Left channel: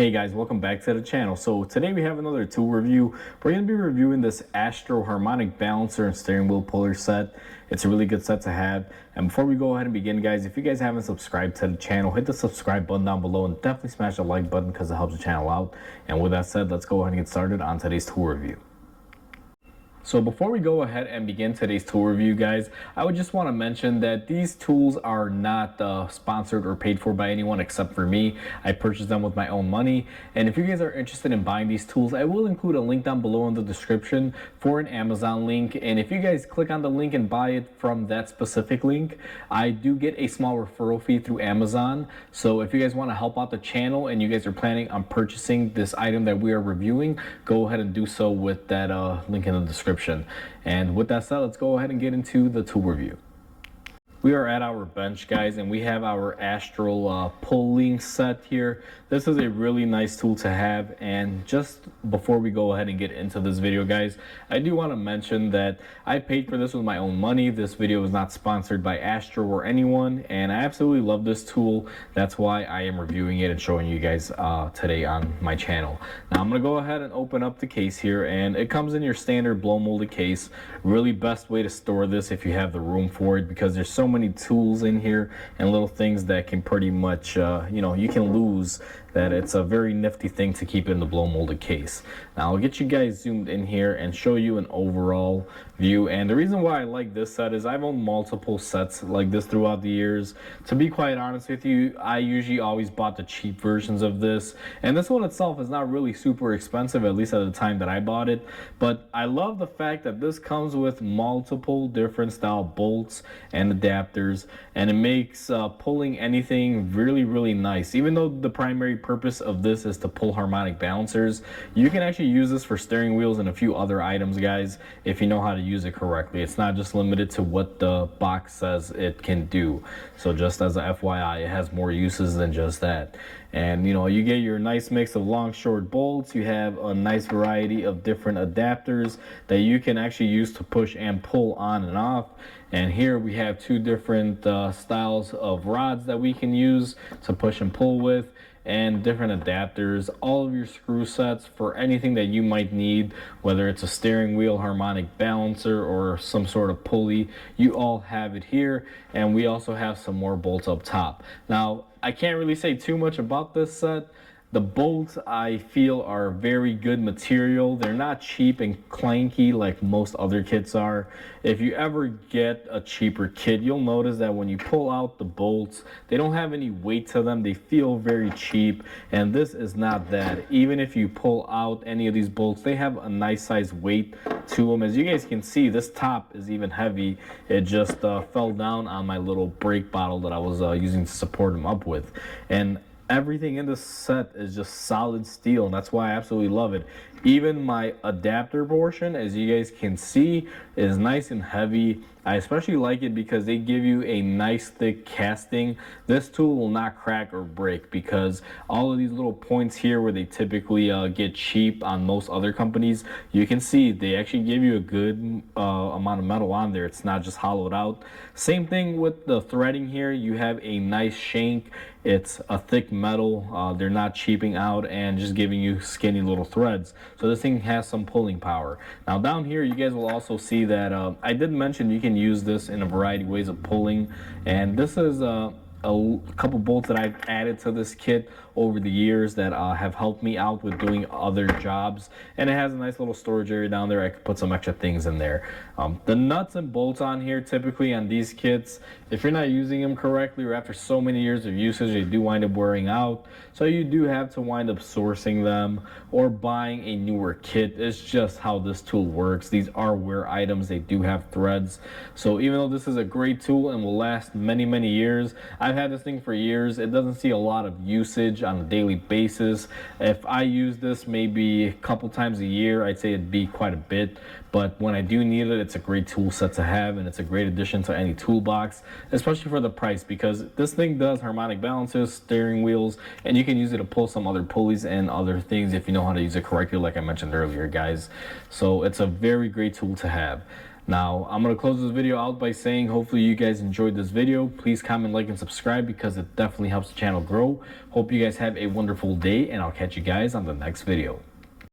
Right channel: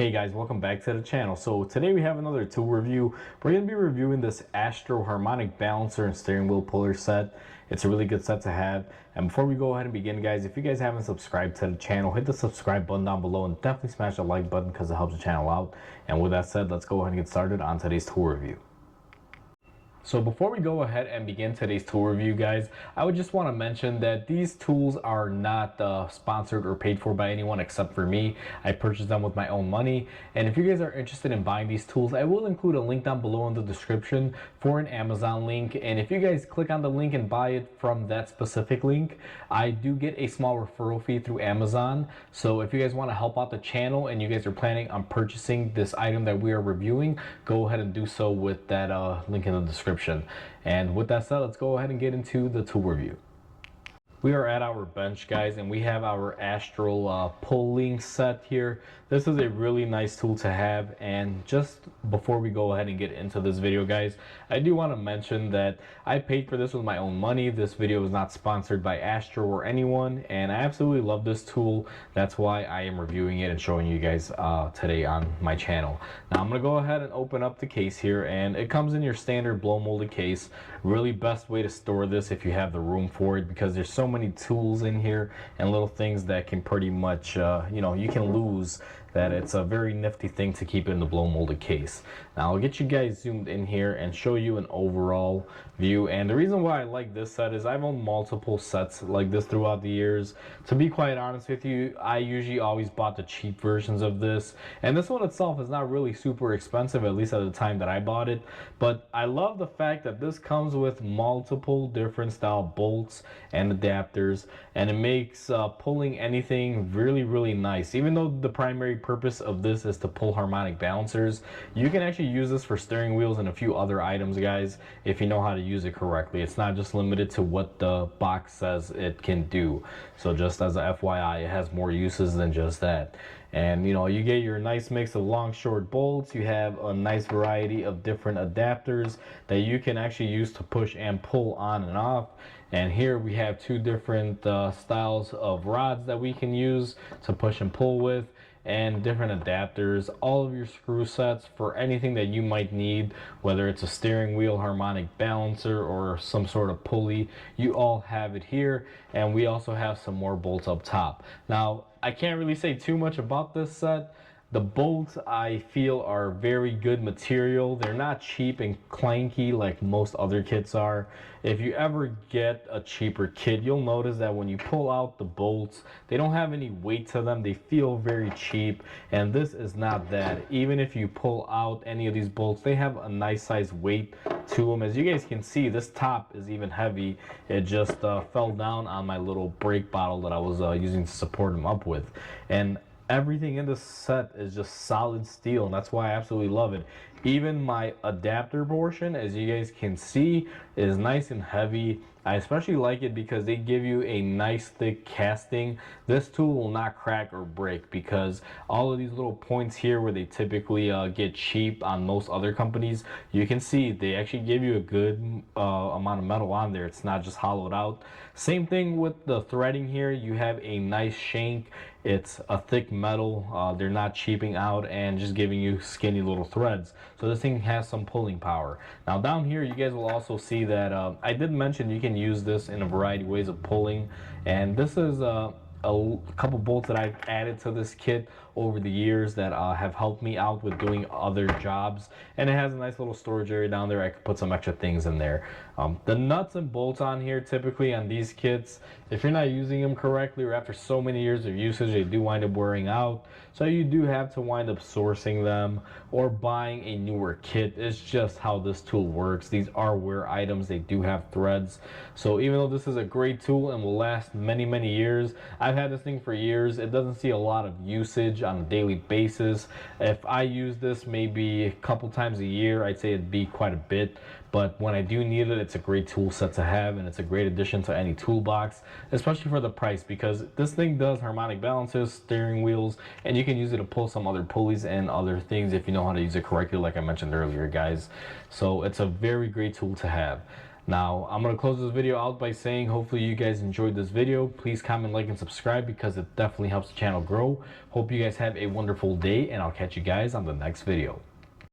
Hey guys, welcome back to the channel. So today we have another tool review. We're going to be reviewing this Astro Harmonic balancer and steering wheel puller set. It's a really good set to have. And before we go ahead and begin, guys, if you guys haven't subscribed to the channel, hit the subscribe button down below and definitely smash the like button because it helps the channel out. And with that said, let's go ahead and get started on today's tool review. So before we go ahead and begin today's tool review, guys, I would just want to mention that these tools are not sponsored or paid for by anyone except for me. I purchased them with my own money. And if you guys are interested in buying these tools, I will include a link down below in the description for an Amazon link. And if you guys click on the link and buy it from that specific link, I do get a small referral fee through Amazon. So if you guys want to help out the channel and you guys are planning on purchasing this item that we are reviewing, go ahead and do so with that link in the description. And with that said, let's go ahead and get into the tool review. We are at our bench, guys, and we have our Astro pulling set here. This is a really nice tool to have. And just before we go ahead and get into this video, guys, I do want to mention that I paid for this with my own money. This video is not sponsored by Astro or anyone, and I absolutely love this tool. That's why I am reviewing it and showing you guys today on my channel. Now I'm going to go ahead and open up the case here, and it comes in your standard blow molded case. Really best way to store this if you have the room for it, because there's so many tools in here and little things that can pretty much you can lose, that it's a very nifty thing to keep in the blow molded case. Now I'll get you guys zoomed in here and show you an overall view. And the reason why I like this set is I've owned multiple sets like this throughout the years. To be quite honest with you, I usually always bought the cheap versions of this, and this one itself is not really super expensive, at least at the time that I bought it. But I love the fact that this comes with multiple different style bolts and adapters, and it makes pulling anything really nice. Even though the primary purpose of this is to pull harmonic balancers, you can actually use this for steering wheels and a few other items, guys, if you know how to use it correctly. It's not just limited to what the box says it can do. So just as a FYI, it has more uses than just that. And you get your nice mix of long short bolts. You have a nice variety of different adapters that you can actually use to push and pull on and off. And here we have two different styles of rods that we can use to push and pull with, and different adapters. All of your screw sets for anything that you might need, whether it's a steering wheel, harmonic balancer, or some sort of pulley, you all have it here. And we also have some more bolts up top. Now I can't really say too much about this set. The bolts, I feel, are very good material. They're not cheap and clanky like most other kits are. If you ever get a cheaper kit, you'll notice that when you pull out the bolts, they don't have any weight to them. They feel very cheap, and this is not that. Even if you pull out any of these bolts, they have a nice size weight to them. As you guys can see, this top is even heavy. It just fell down on my little brake bottle that I was using to support them up with. And everything in this set is just solid steel, and that's why I absolutely love it. Even my adapter portion, as you guys can see, is nice and heavy. I especially like it because they give you a nice thick casting. This tool will not crack or break, because all of these little points here where they typically get cheap on most other companies, you can see they actually give you a good amount of metal on there. It's not just hollowed out. Same thing with the threading here. You have a nice shank. It's a thick metal. They're not cheaping out and just giving you skinny little threads. So this thing has some pulling power. Now down here, you guys will also see that I did mention you can use this in a variety of ways of pulling. And this is a couple bolts that I've added to this kit over the years that have helped me out with doing other jobs. And it has a nice little storage area down there. I could put some extra things in there. The nuts and bolts on here, typically on these kits, if you're not using them correctly or after so many years of usage, they do wind up wearing out. So you do have to wind up sourcing them or buying a newer kit. It's just how this tool works. These are wear items. They do have threads. So even though this is a great tool and will last many years, I've had this thing for years. It doesn't see a lot of usage on a daily basis. If I use this maybe a couple times a year, I'd say it'd be quite a bit. But when I do need it, it's a great tool set to have, and it's a great addition to any toolbox, especially for the price, because this thing does harmonic balancers, steering wheels, and you can use it to pull some other pulleys and other things if you know how to use it correctly, like I mentioned earlier, guys. So it's a very great tool to have. Now, I'm going to close this video out by saying hopefully you guys enjoyed this video. Please comment, like, and subscribe because it definitely helps the channel grow. Hope you guys have a wonderful day, and I'll catch you guys on the next video.